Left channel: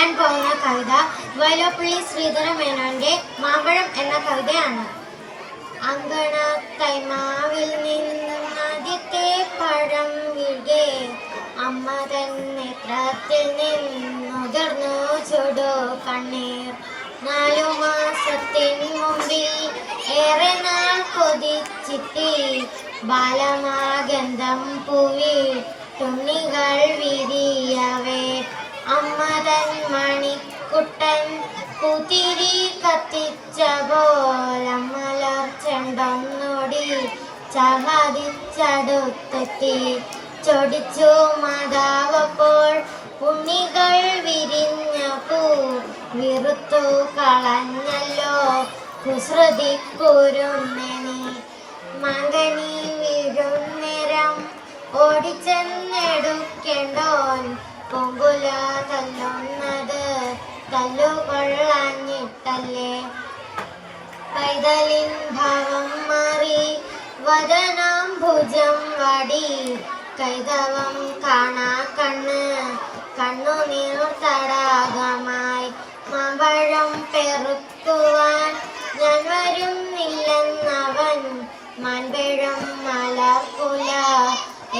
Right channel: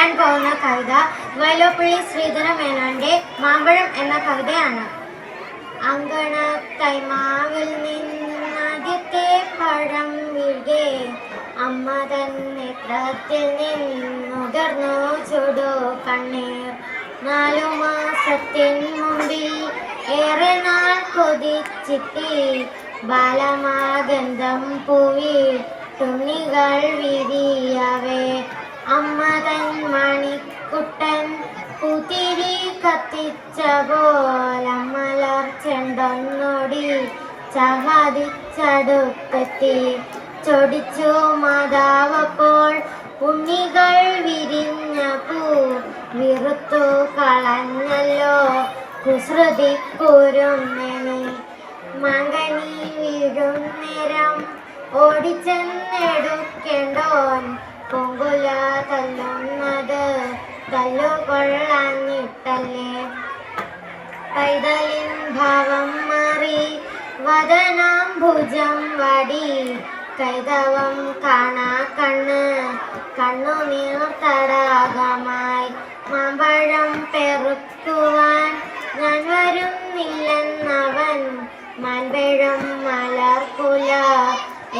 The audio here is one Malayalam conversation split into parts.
പറയാൻ പോകുന്ന കവിത വൈലോപ്പിള്ളി ശ്രീധരമേനോന്റെ മാമ്പഴം എന്ന കവിതയാണ്. അങ്കണത്തൈമാവിൽ നിന്നാദ്യത്തെ പഴം വീഴെ അമ്മ തൻ നേത്രത്തിൽ നിന്നുതിർന്നു ചുടു കണ്ണീർ. 4 മാസത്തിൻ മുമ്പിൽ ഏറെ നാൾ കൊതിച്ചിട്ടി ബാലമാഗന്ധം പൂവി തുണികൾ വിരിയവേ അമ്മ തൻ മണിക്കുട്ടൻ പൂത്തിരി കത്തിച്ച പോലമ്മലർ ചെണ്ടൊന്നോടി ചഹദിച്ചടുത്തെത്തി. ചൊടിച്ചു മാതാവപ്പോൾ ഉണ്ണികൾ വിരിഞ്ഞ പൂ വിറുത്തു കളഞ്ഞല്ലോ കുസൃതി കുരുന്നണി. മകനി വീഴും നേരം ഓടിച്ചെന്നെടുക്കേണ്ടോൻ പൂങ്കുല തല്ലുന്നത് തല്ലുകൊള്ളാഞ്ഞിട്ടല്ലേ. പൈതലിൻ ഭാവം മാറി വദനം ഭുജം വടി കൈതവം കാണാ കണ്ണ് കണ്ണുനീർ തടാകമായി. മാമ്പഴം പെറുക്കുവാൻ ഞാൻ വരുന്നില്ലെന്നവൻ മാൻപഴം മലർക്കുല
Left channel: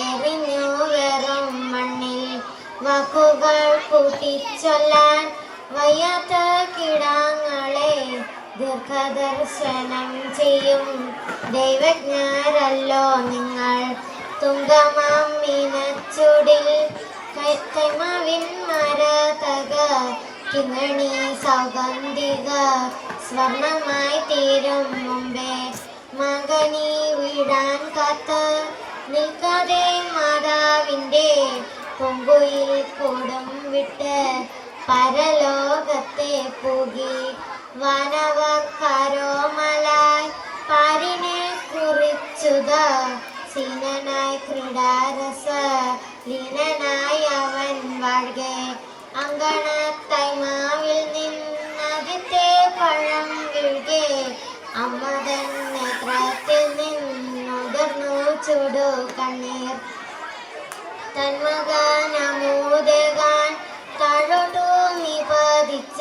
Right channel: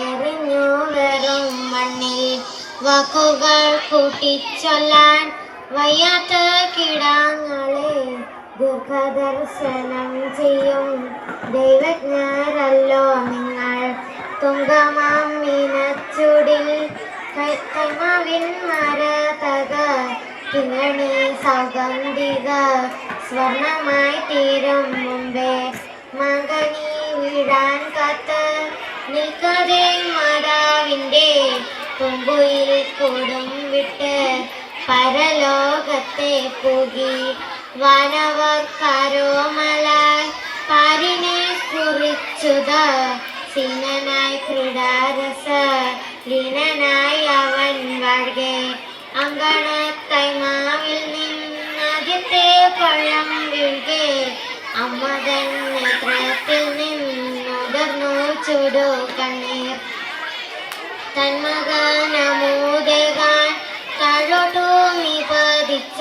എറിഞ്ഞു വെറും മണ്ണിൽ. വാക്കുകൾ കൂട്ടിച്ചൊല്ലാൻ വയ്യാത്ത കിടാങ്ങളെ ദീർഘദർശനം ചെയ്യും ദൈവജ്ഞരല്ലോ നിങ്ങൾ. തുങ്കമാം മീനച്ചൂടിൽ കൈമാവിൻ മരതക കിങ്ങണി സൗഗന്ധിക സ്വർണമായി തീരും മുമ്പേ മകനി വീഴാൻ കാത്ത് നിൽക്കാതെ മാതാവിൻ്റെ പൂങ്കുയിൽ കൂടും വിട്ട് പരലോകത്തെ പൂകി. വാനവക്കാരോ മല പാരിനെ കുറിച്ചുത സീനനായി ക്രീഡാരസ ലീനനായി അവൻ വാഴ്കെ. അങ്കണത്തൈമാവിൽ നിന്നാദ്യത്തെ പഴം വീഴ്കെ അമ്മ തൻ നേത്രത്തിൽ നിന്നുതിർന്നു ചുടു കണ്ണീർ. തന്മകനമൂതകാൻ താഴോട്ടു നിപതിച്ച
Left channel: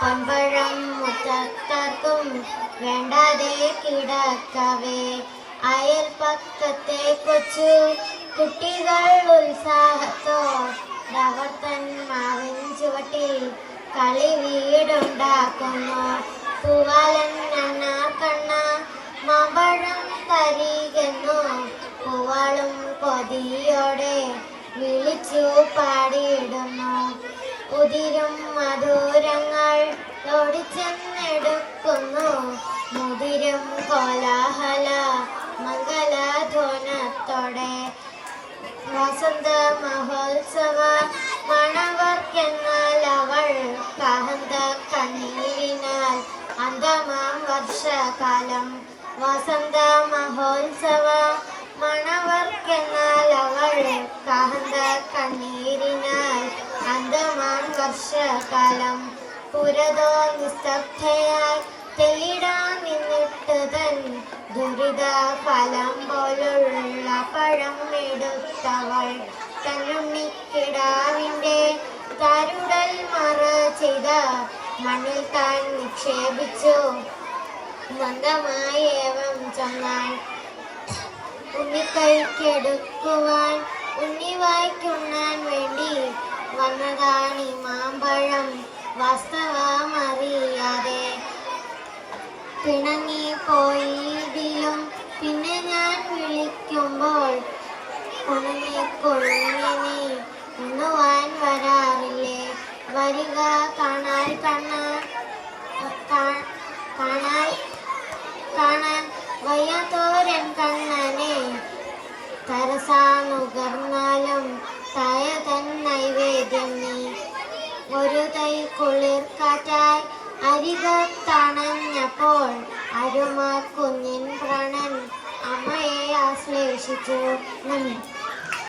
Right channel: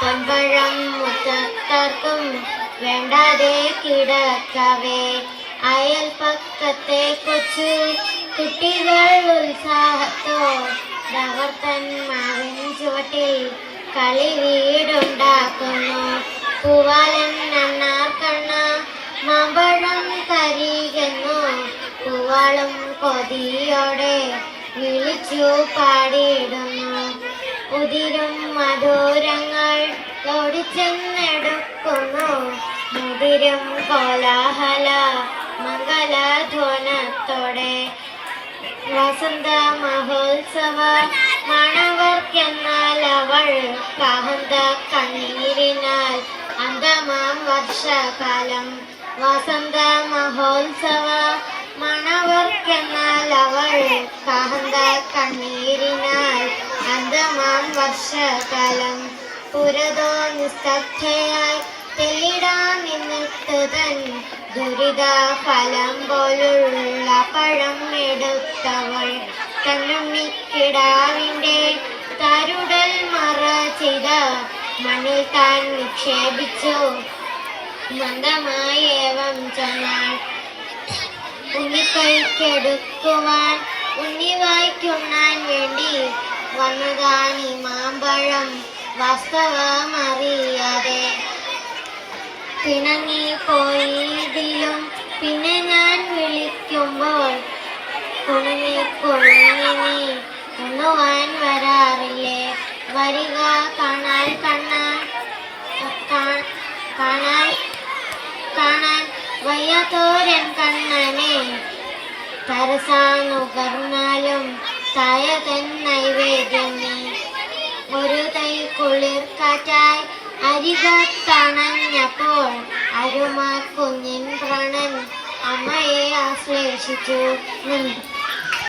പമ്പഴം മുറ്റത്താർക്കും വേണ്ടാതെ കിടക്കവേ. അയൽപക്കത്തെ കൊച്ചു കുട്ടികൾ ഉത്സാഹത്തോടവർ തൻ മാവിൻ ചുവട്ടിൽ കളി വീടുണ്ടാക്കുന്നു. പൂവാലൻ അണ്ണാർക്കണ്ണ മാമ്പഴം തരികെന്നു പൂവാളും കൊതിയോടെ വിളിച്ചു പാടിയിടുന്നു. ഉതിരും മധുരങ്ങൾ ഓടിച്ചെന്നെടുക്കുന്നു മുതിരും കോലാഹല മംഗളധ്വനത്തോടെ. വസന്ത മഹോത്സവ മണവർക്കെന്നാൽ അവൾ കാഹന്ത കണ്ണീരിനാൽ അന്തമാം വർഷകാലം. വസന്ത മഹോത്സവ മണവർക്കെന്നാൽ അവൾ കാഹന്ത കണ്ണീരിനാൽ അന്തമാം വർഷകാലം. പുരതോ നിസ്തബ്ധയായി തെല്ലിടാൻ നിന്നിട്ട് തൻ ദുരിത ഫലം പോലുള്ള പഴം എടുത്തവൾ തന്നുണ്ണിക്കിടാവിൻ്റെ തരുടൽ മറ ചെയ്ത മണ്ണിൽ താൻ നിക്ഷേപിച്ചു. മന്ദമായി ഏവം ചൊന്നാൾ ഉണ്ണിക്കൈക്കെടുക്കുവാൻ ഉണ്ണി വായിക്കുണ്ണാൻ വേണ്ടി വന്നതാണീ മാമ്പഴം വാസ്തവമറിയാതെ. പിണങ്ങി പോയതിലും പിന്നെ ഞാൻ വിളിക്കുമ്പോൾ കുണുങ്ങി കുണുങ്ങി ഉണ്ണുവാൻ വരാറില്ലേ. വരിക കാണാൻ കാണാൻ വയ്യാത്തോരൻ കണ്ണനെ തരസാനുകർന്നാലും തായ തൻ നൈവേദ്യം നീ. ഒരു തൈ കുളിർ കാറ്റായി അരികത്തണഞ്ഞപ്പോൾ അരുമ കുഞ്ഞിൻ പ്രാണൻ അമ്മയെ ആശ്ലേഷിച്ചു.